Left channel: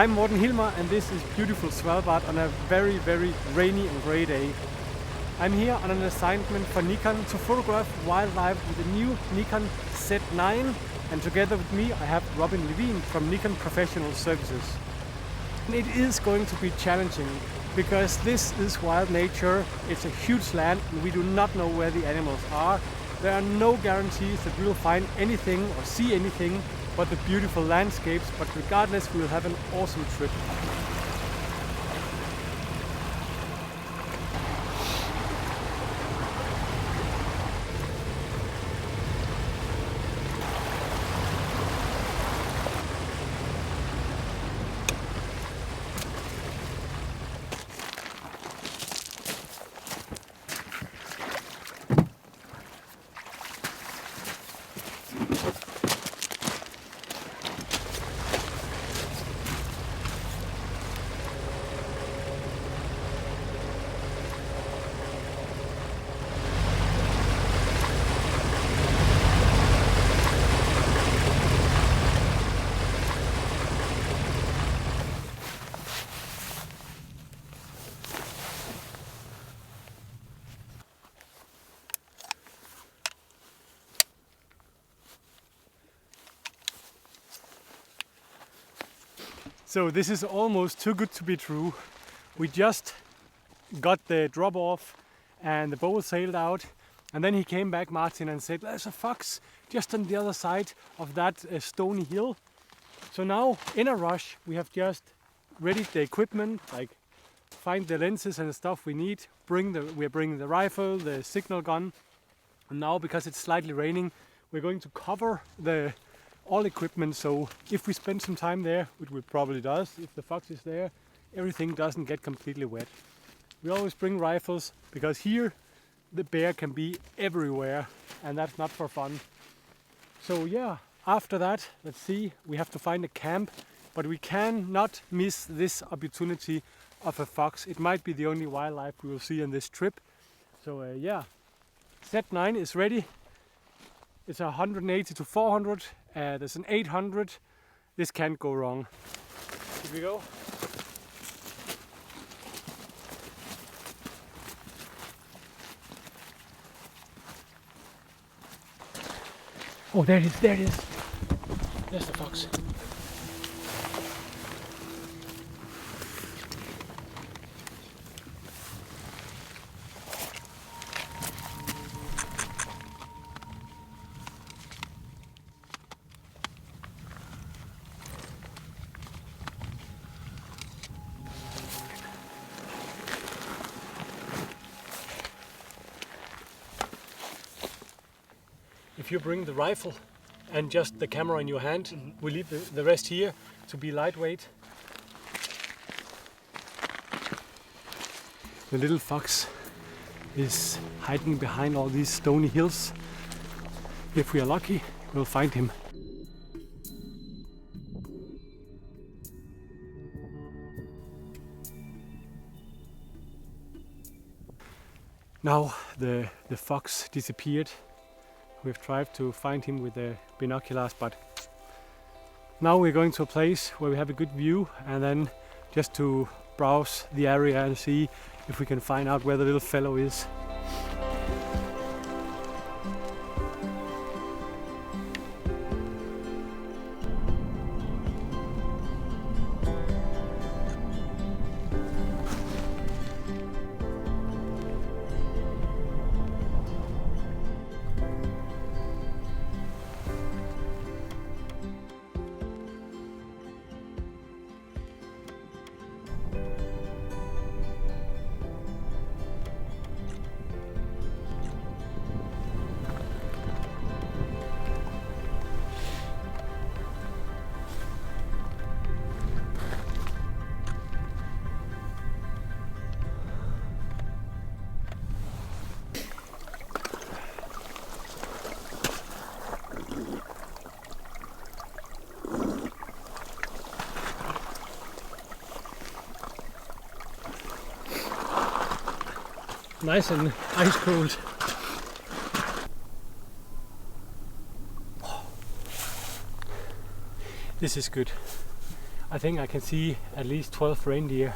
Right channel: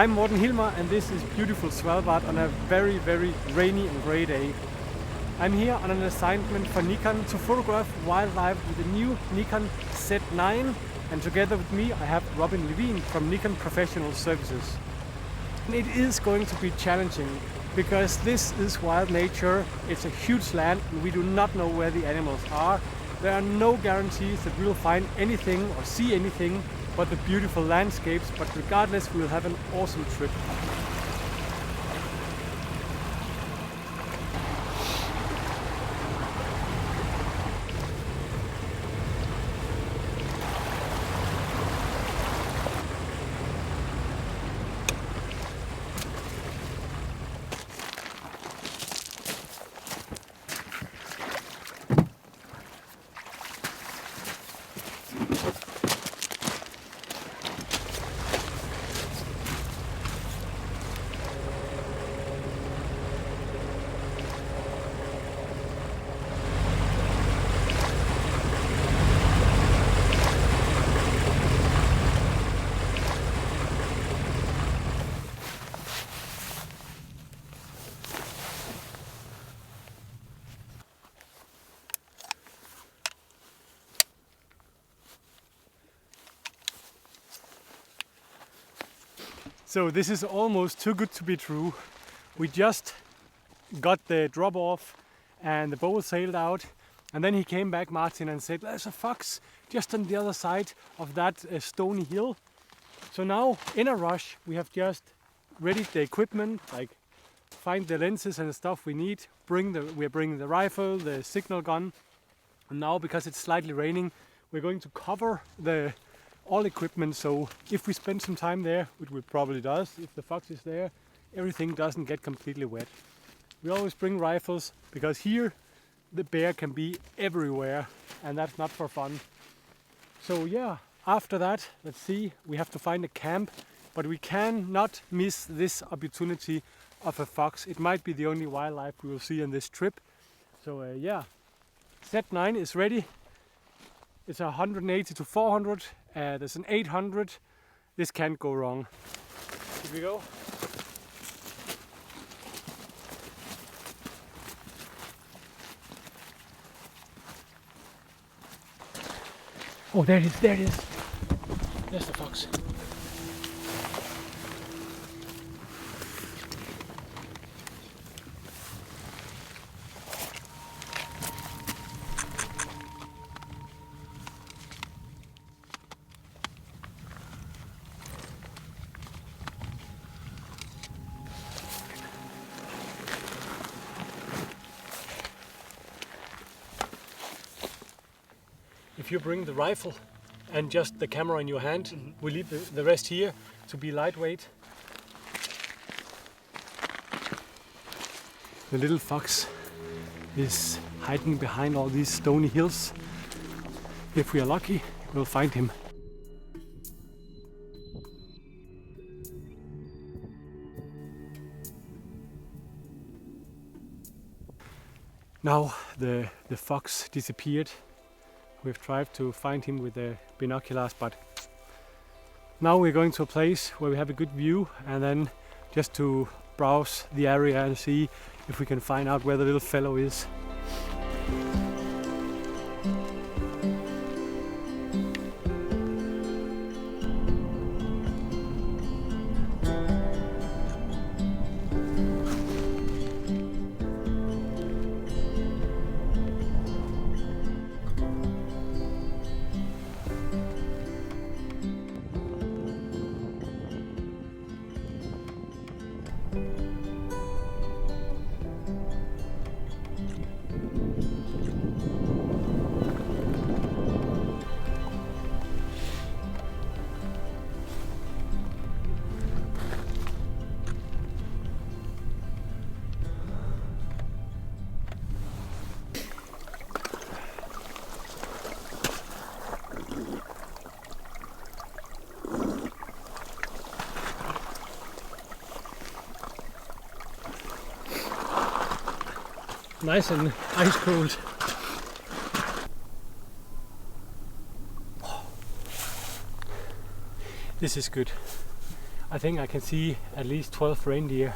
I'm Morten Hilmer and this is beautiful Svalbard on a very, very rainy and grey day. I'm here on an assignment for Nikon to photograph wildlife with the new Nikon Z9, and together with me I have Robin Levin from Nikon Professional Services. And it is going to be challenging because this is wild nature, it's a huge land and we do not know where the animals are. There are no guarantees that we'll find anything or see anything but the beautiful landscapes, but regardless we'll have an awesome trip. So this is almost too good to be true. We just got the drop off and the boat sailed out, and then he came back, Martin, and said there's a fox just on the other side of that stony hill. So now in a rush we have just readied the equipment, like find the lenses and the stuff we need, we're bringing the rifle, the signal gun, and now because it's slightly raining we're going to cover all equipment, so if we spend some time there, which we probably does, if the fox is there, everything doesn't get completely wet. We always bring rifles because here the bear can be everywhere and that's not for fun. So yeah, after that, let's see, we have to find a camp, but we cannot miss this opportunity of a fox. It might be the only wildlife we will see on this trip. So yeah, Z9 is ready. It's 180 to 400. There's an 800. This can't go wrong. Here we go. Oh, there it is, there it is. There's the fox. If you bring the rifle and just the camera in your hand, we leave the rest here to be lightweight. The little fox is hiding behind all these stony hills. If we are lucky, we'll find him. Now the fox disappeared. We've tried to find him with the binoculars, but now we're going to a place where we have a good view, and then just to browse the area and see if we can find out where the little fellow is. Nice and ice cold. This is good. I think I can see at least 12 reindeer.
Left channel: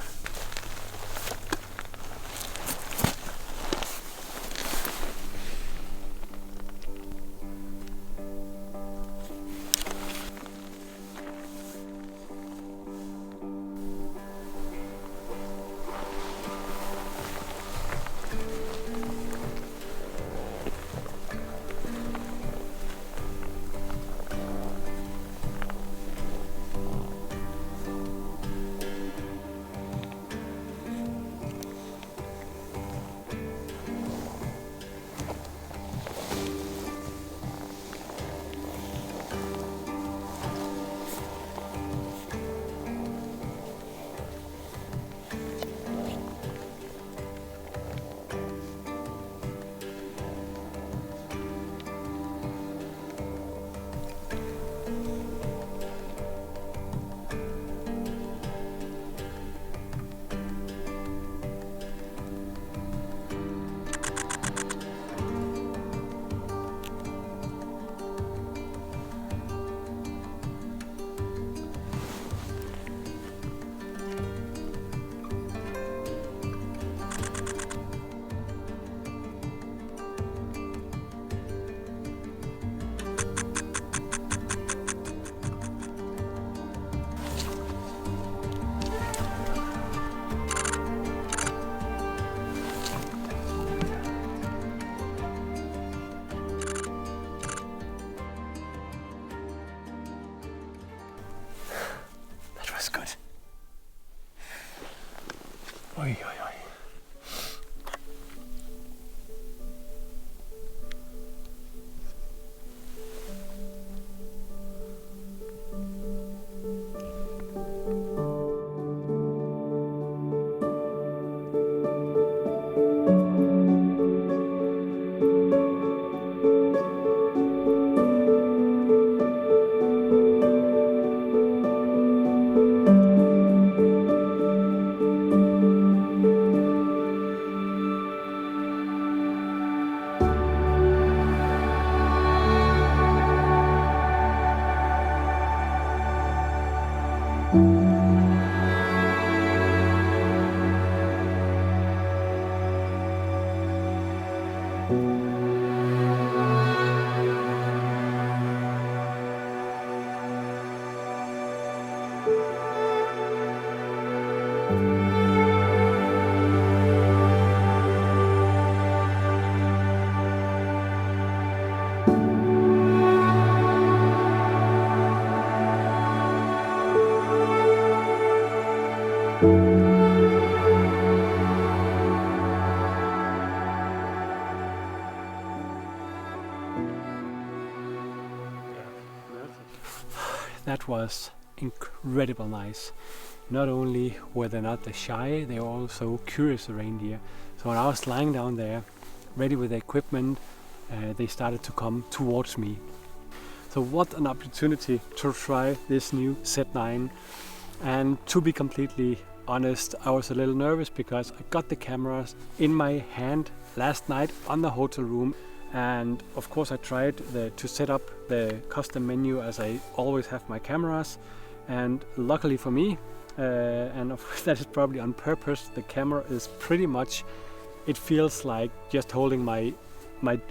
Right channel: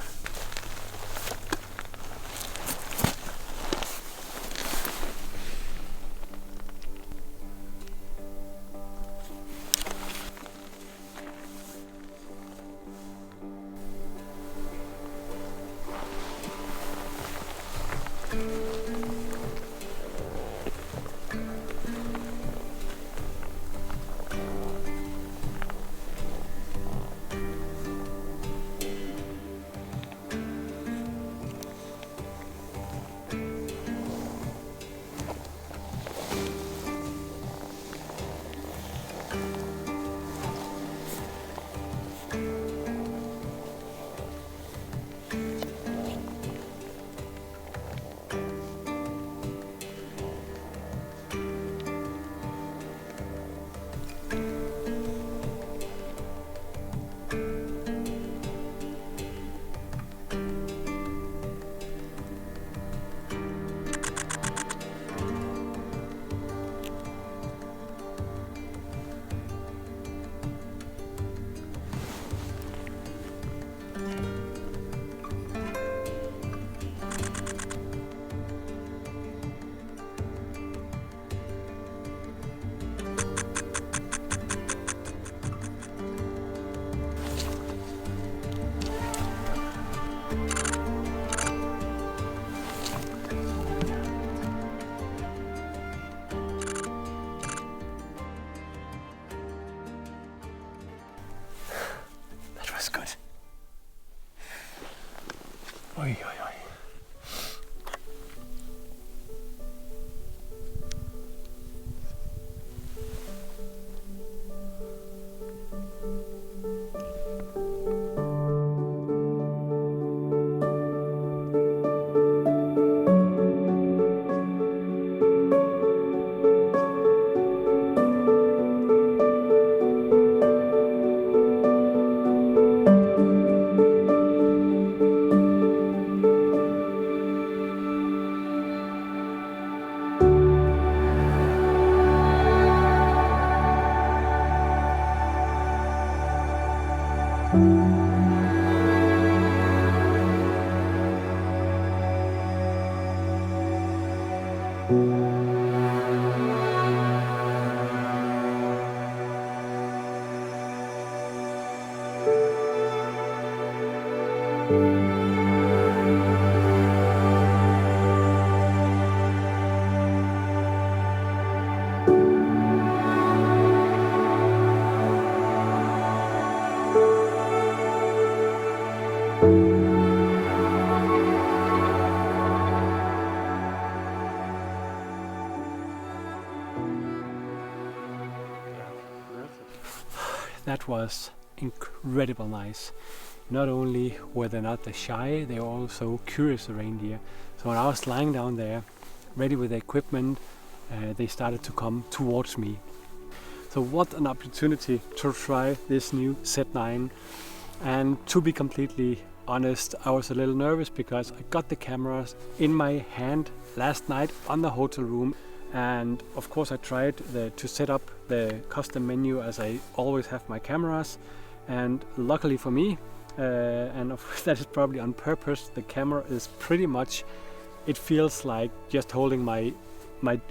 Oi, oi, oi. That was incredible nice. Not only were they not shy, they were also curious reindeer. So when I was lying down there, ready with the equipment, they started to come towards me. So what an opportunity to try this new Z9. And to be completely honest, I was a little nervous because I got the cameras in my hand last night on the hotel room. And of course I tried to set up the custom menu as I always have my cameras, and luckily for me, and that is probably on purpose, the camera is pretty much, it feels like just holding my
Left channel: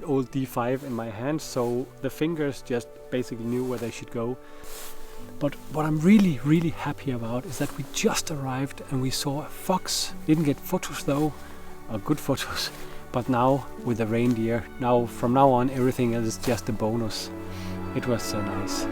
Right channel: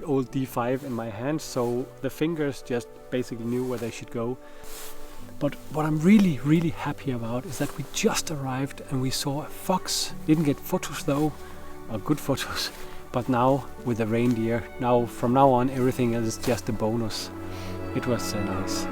old D5 in my hand, so the fingers just basically knew where they should go. But what I'm really happy about is that we just arrived and we saw a fox. Didn't get photos though, or good photos. But now with the reindeer, from now on everything is just a bonus. It was nice.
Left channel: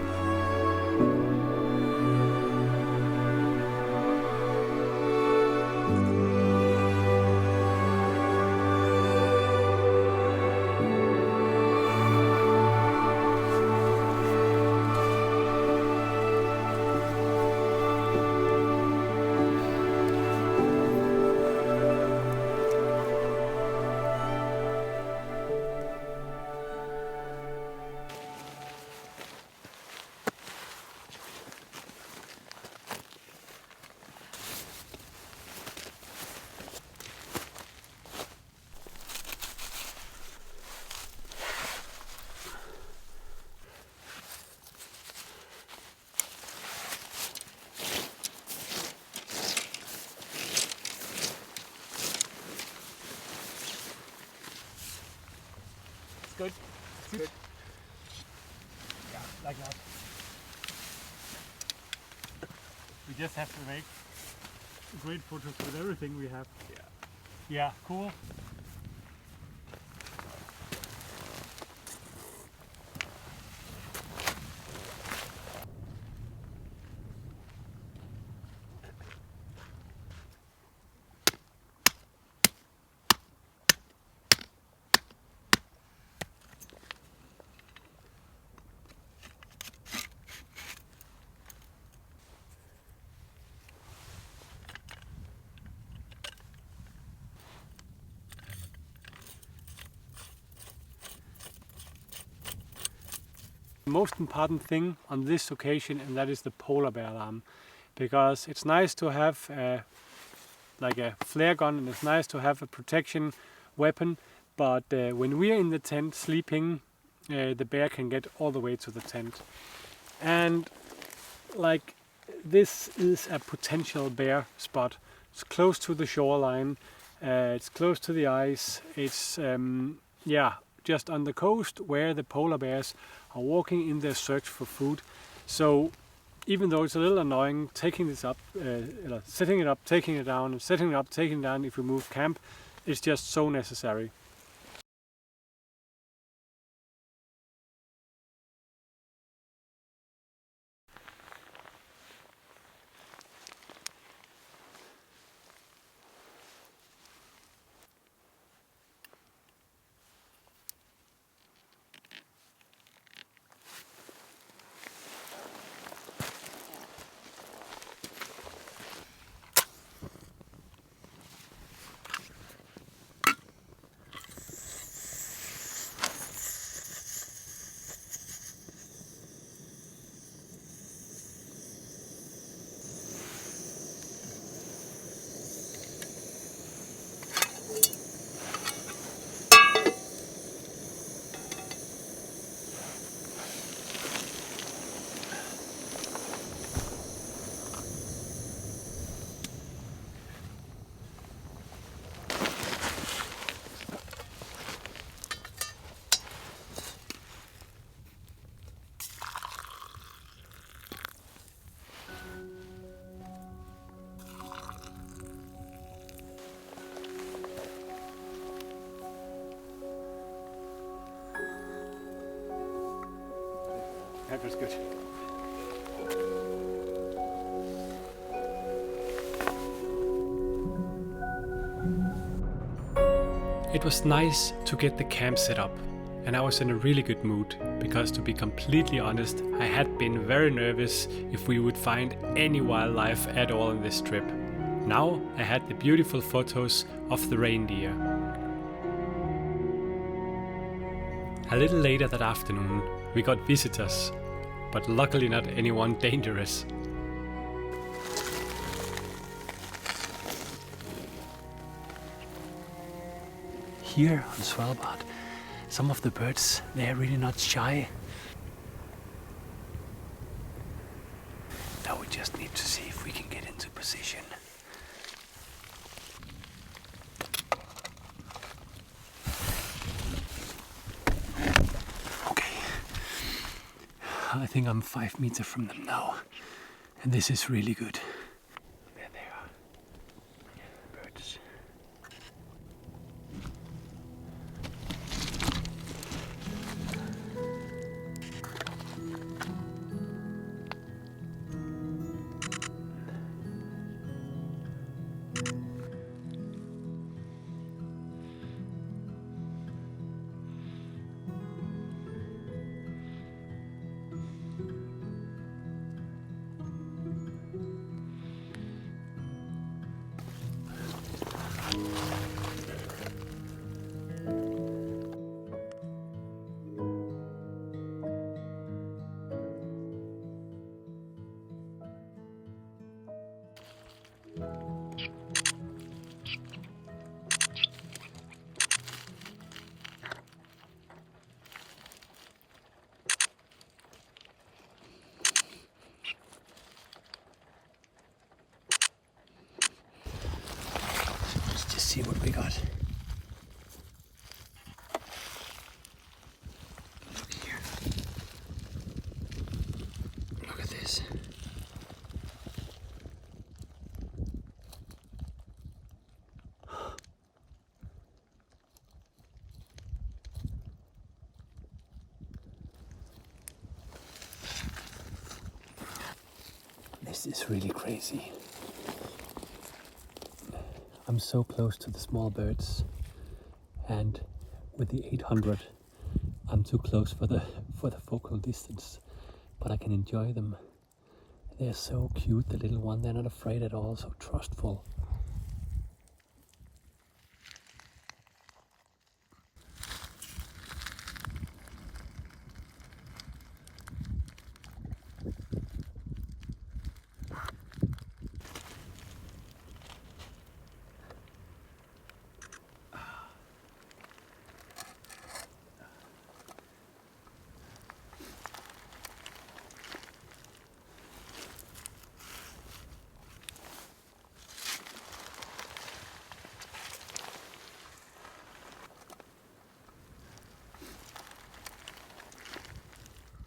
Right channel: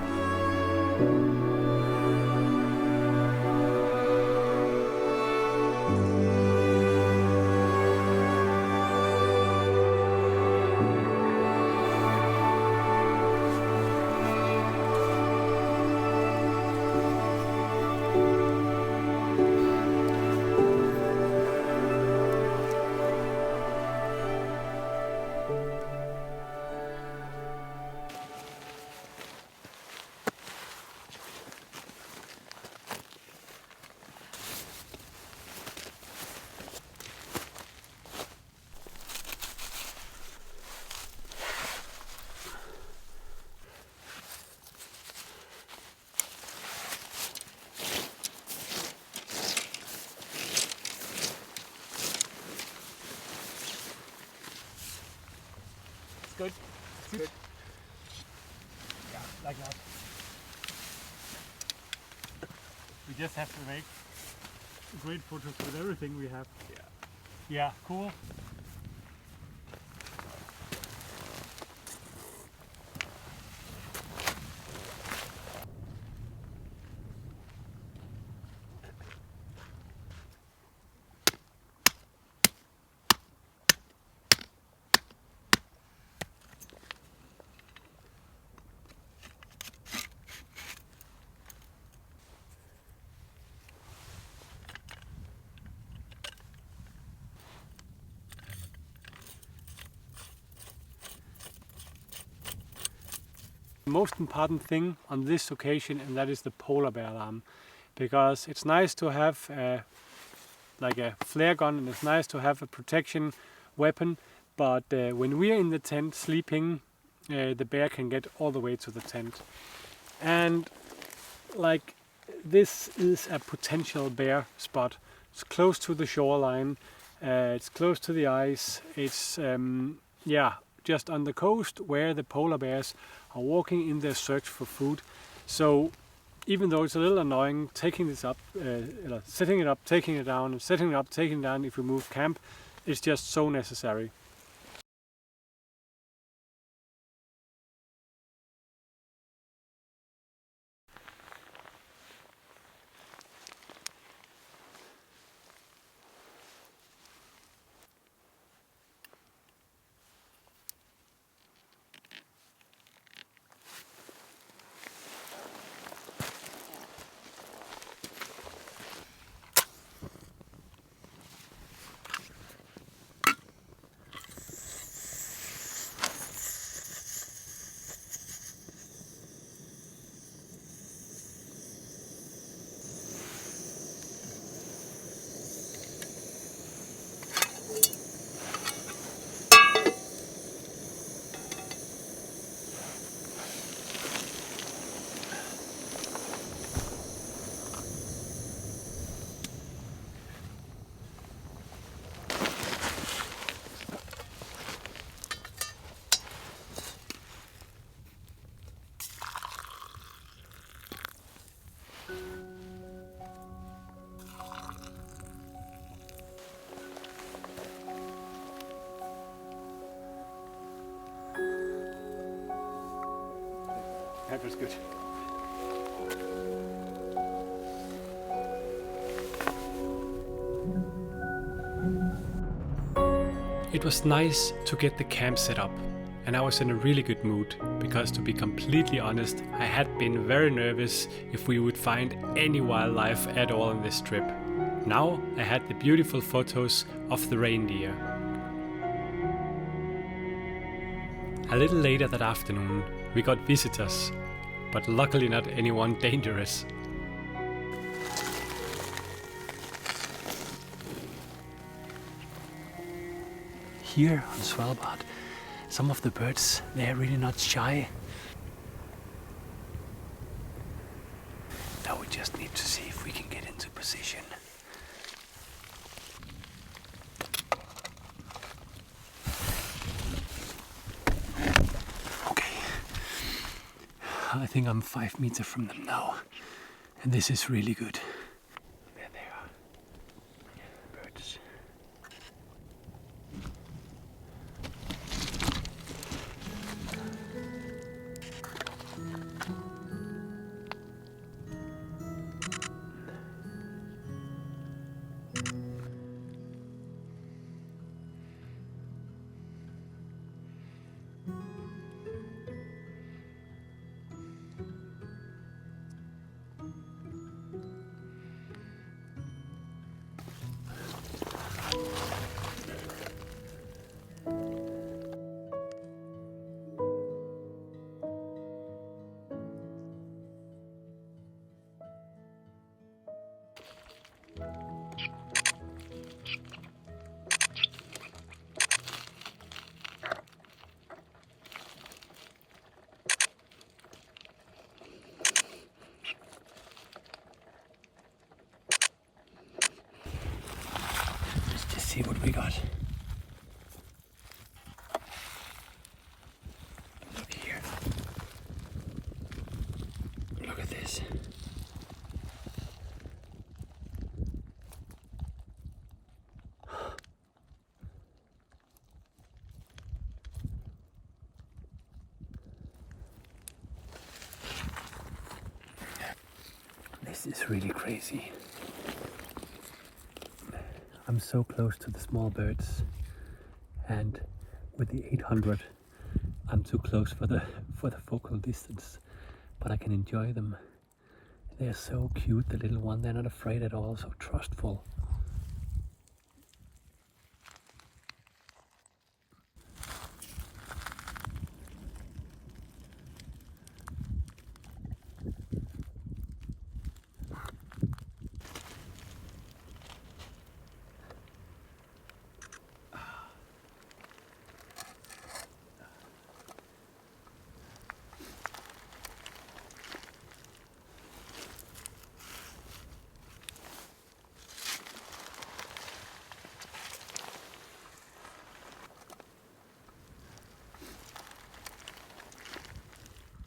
good. Good. Yeah, like that. We just have to make great photos with everything we have. Yeah. Yeah, cool. The most important thing on this occasion, and that is the polar bear alarm, because it's nice to have like a flare gun, and it's nice to have a protection weapon, but when we are in the tent sleeping, the bear can get all the way to the tent. And like, this is a potential bear spot. It's close to the shoreline, it's close to the ice, it's yeah, just on the coast where the polar bears are walking in their search for food. So even though it's a little annoying taking this up, setting it up, taking it down, and setting it up, taking it down if we move camp, it's just so necessary. That was good. It was nice to get the camp set up, and I was in a really good mood, because to be completely honest, I had been very nervous if we would find any wildlife at all on this trip. Now I had the beautiful photos of the reindeer. A little later that afternoon we got visitors, but luckily not anyone dangerous. Here on Svalbard, some of the birds, they're really not shy. Now we just need to see if we can get into position. Okay, I think I'm 5 meters from them now, and this is really good. There they are, birds. See what we got. This is really crazy. I'm so close to the small birds, and with the 800 I'm too close for the focal distance, but I can enjoy them. They're so cute, the little one. They're not afraid at all, so trustful.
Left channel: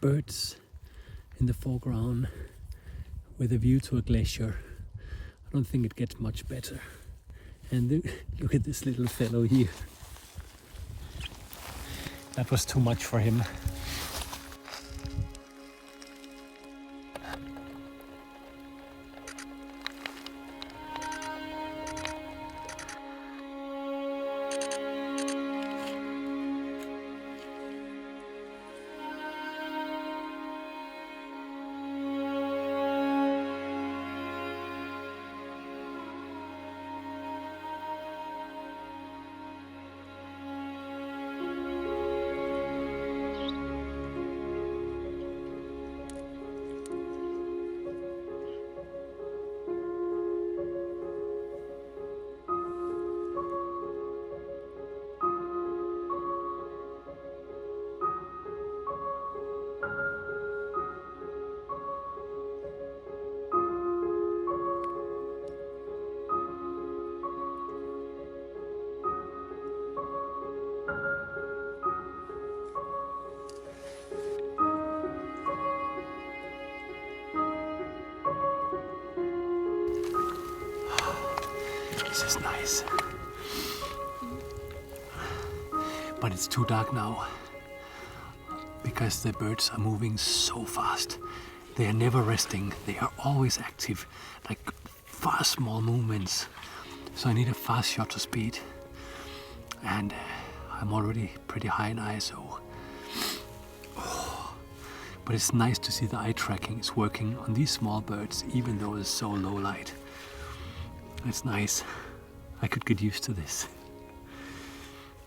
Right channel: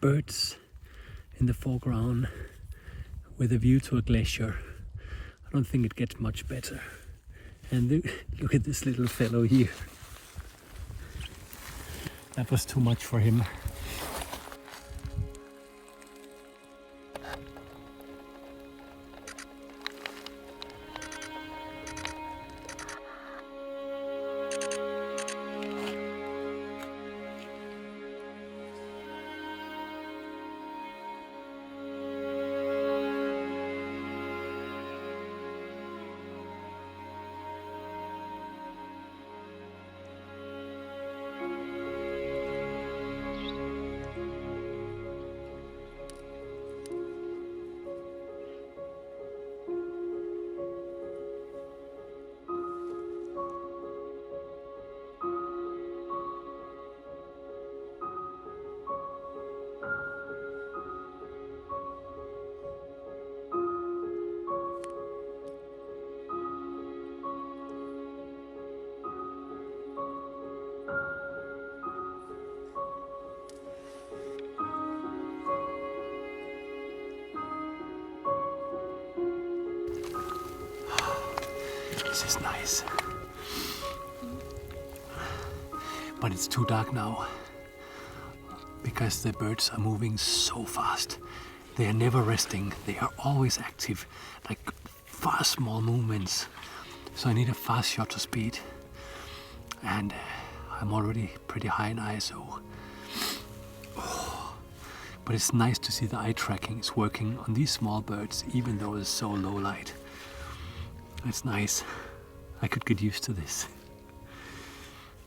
Birds in the foreground with a view to a glacier. I don't think it gets much better. And look at this little fellow here. That was too much for him. This is nice. But it's too dark now because the birds are moving so fast. They are never resting. They are always active, like fast small movements. So I need a fast shutter speed. And I'm already pretty high in ISO. But it's nice to see the eye tracking is working on these small birds, even though it's so low light. It's nice. I could get used to this.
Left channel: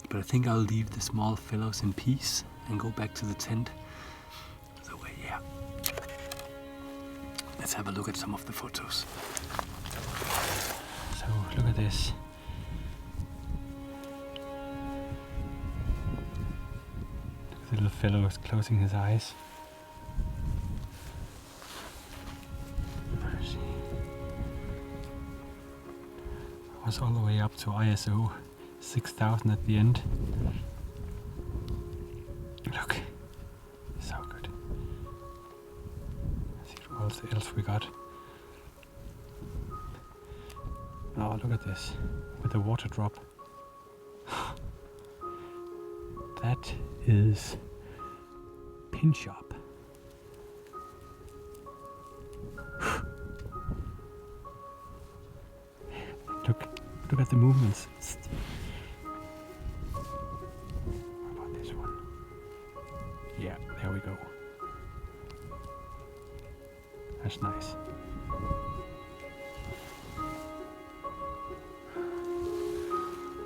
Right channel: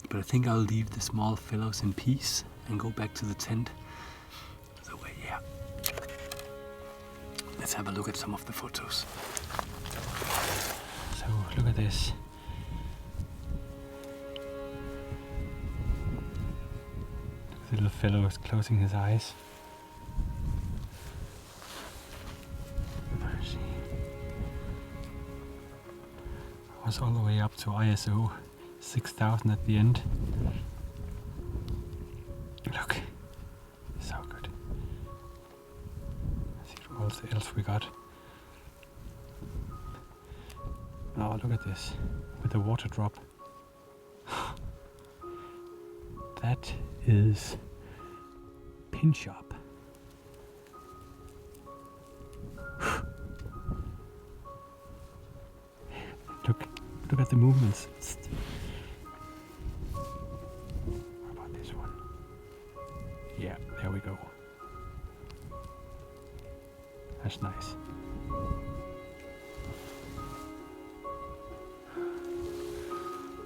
But I think I'll leave the small fellows in peace and go back to the tent. So yeah. Let's have a look at some of the photos. So look at this. The little fellow is closing his eyes. I was all the way up to ISO 6000 at the end. Look, so good. Let's see what else we got. Oh, look at this with the water drop. That is pinch up. Look at the movements. What about this one? Yeah, there we go. That's nice. I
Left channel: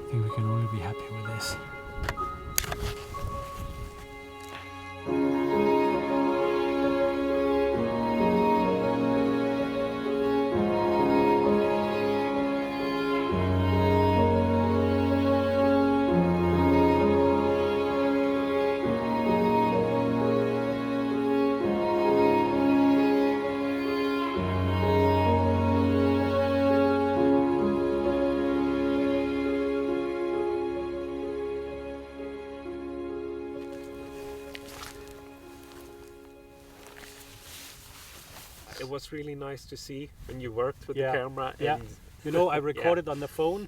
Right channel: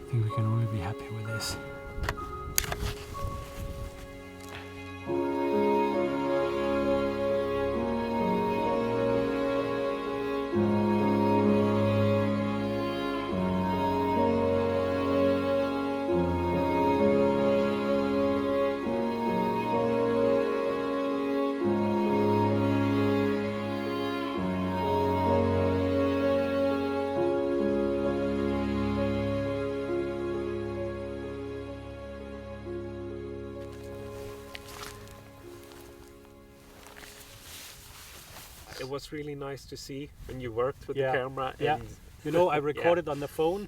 think we can only be happy with this. It was really nice to see when you worked with Yeah, the camera. yeah. And You know, I recorded on the phone,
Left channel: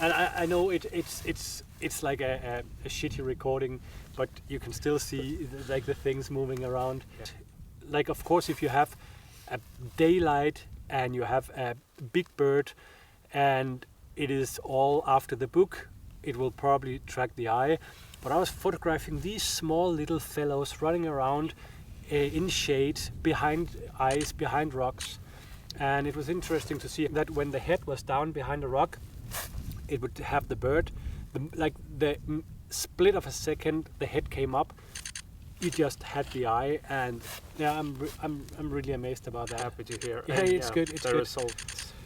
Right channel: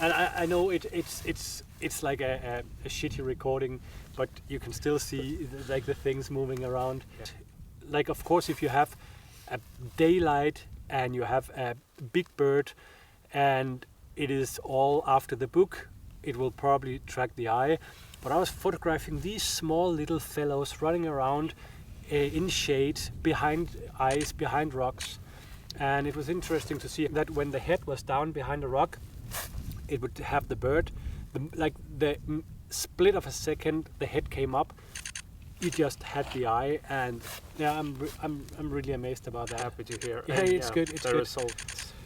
and I know it's like a shitty recording, but you can still see like the things moving around. Yeah. Like, of course, if you have a daylight and you have a big bird and it is all after the book, it will probably track the eye. But I was photographing these small little fellows running around in shade, behind ice, behind rocks. And it was interesting to see that when the head was down behind a rock, it would have the bird. Like the split of a second, the head came up. You just had the eye, and yeah, I'm really amazed about that. Happy to hear. Yeah, And, it's good. It's the good. result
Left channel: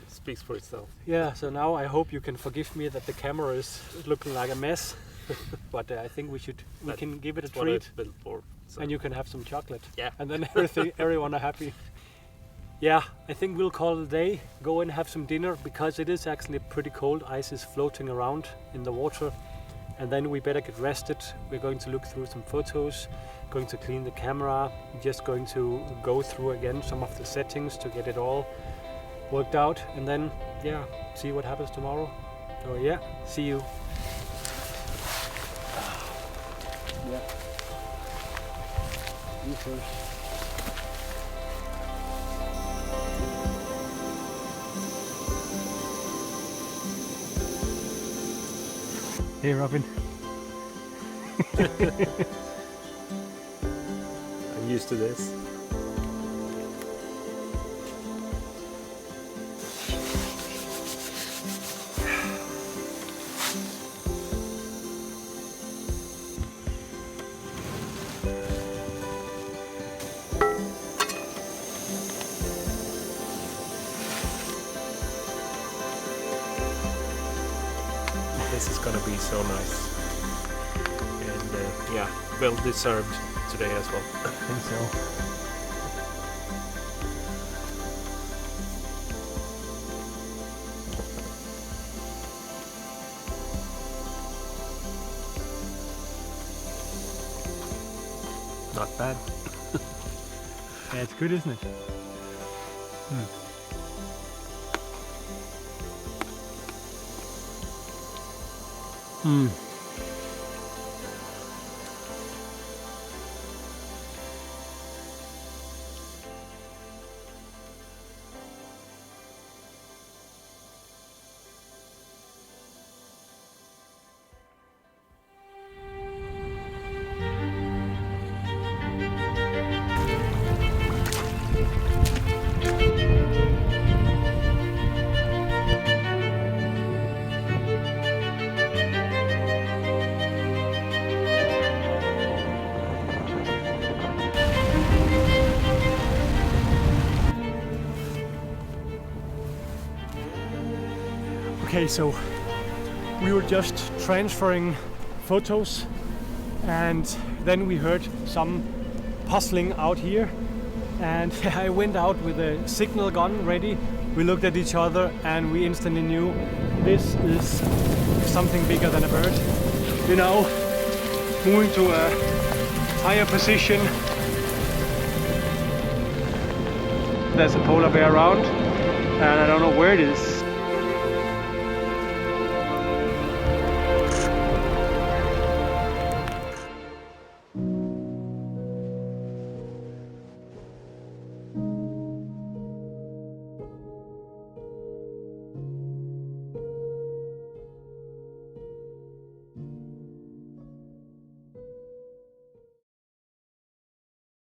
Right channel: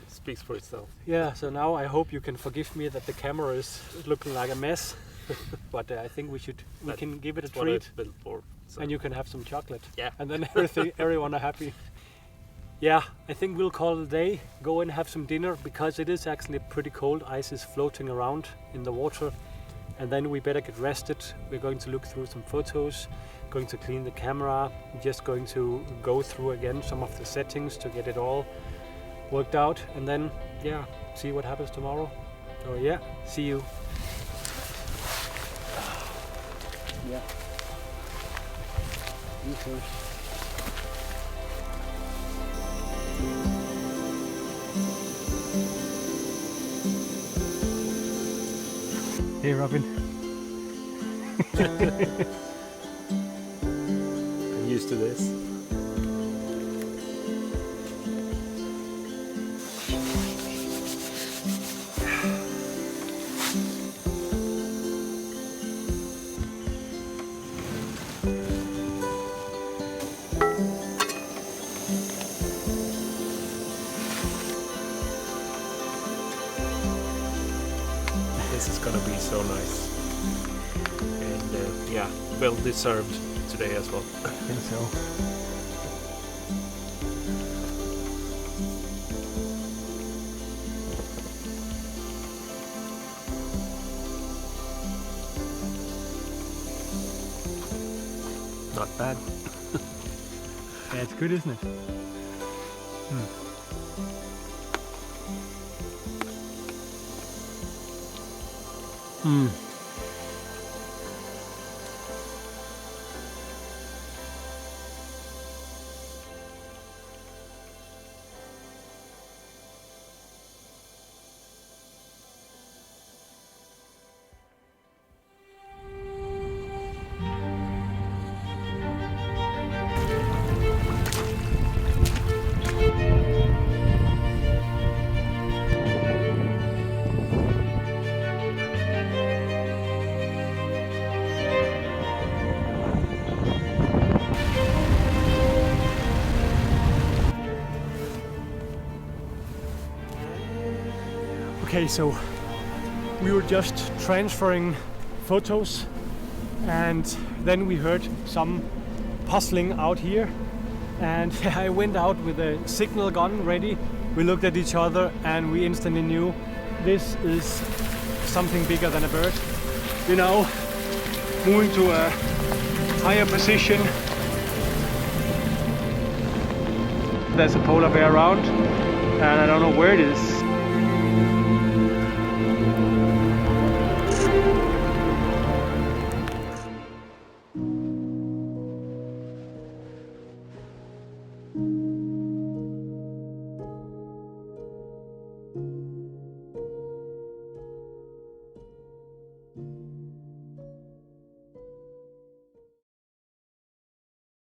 speaks for itself. Yeah. So now I hope you can forgive me that the camera is looking like a mess, but I think we can give it a That's what treat, it's built for. So. and you can have some chocolate. Yeah. And then everyone are happy. Yeah, I think we'll call it a day. Go and have some dinner because it is actually pretty cold. Ice is floating around in the water. And then we better get rested. We're going to look through some photos, going to clean the camera, just going to go through again some of the settings to get it all worked out. And then, yeah, see what happens tomorrow. So yeah, see you. Yeah. You first. Hey Robin. I'm used to this. This is gonna be so nice, and yeah, well deserved today as well. I think so. Not bad. Yeah, it's good, isn't it? Okay, so we were just transferring photos and then we heard some puzzling out here, and I went out with a signal gun ready. We looked at each other and we instantly knew this is something bigger than a bird. You know, moving to a higher position. There's a polar bear around and I don't know where it is.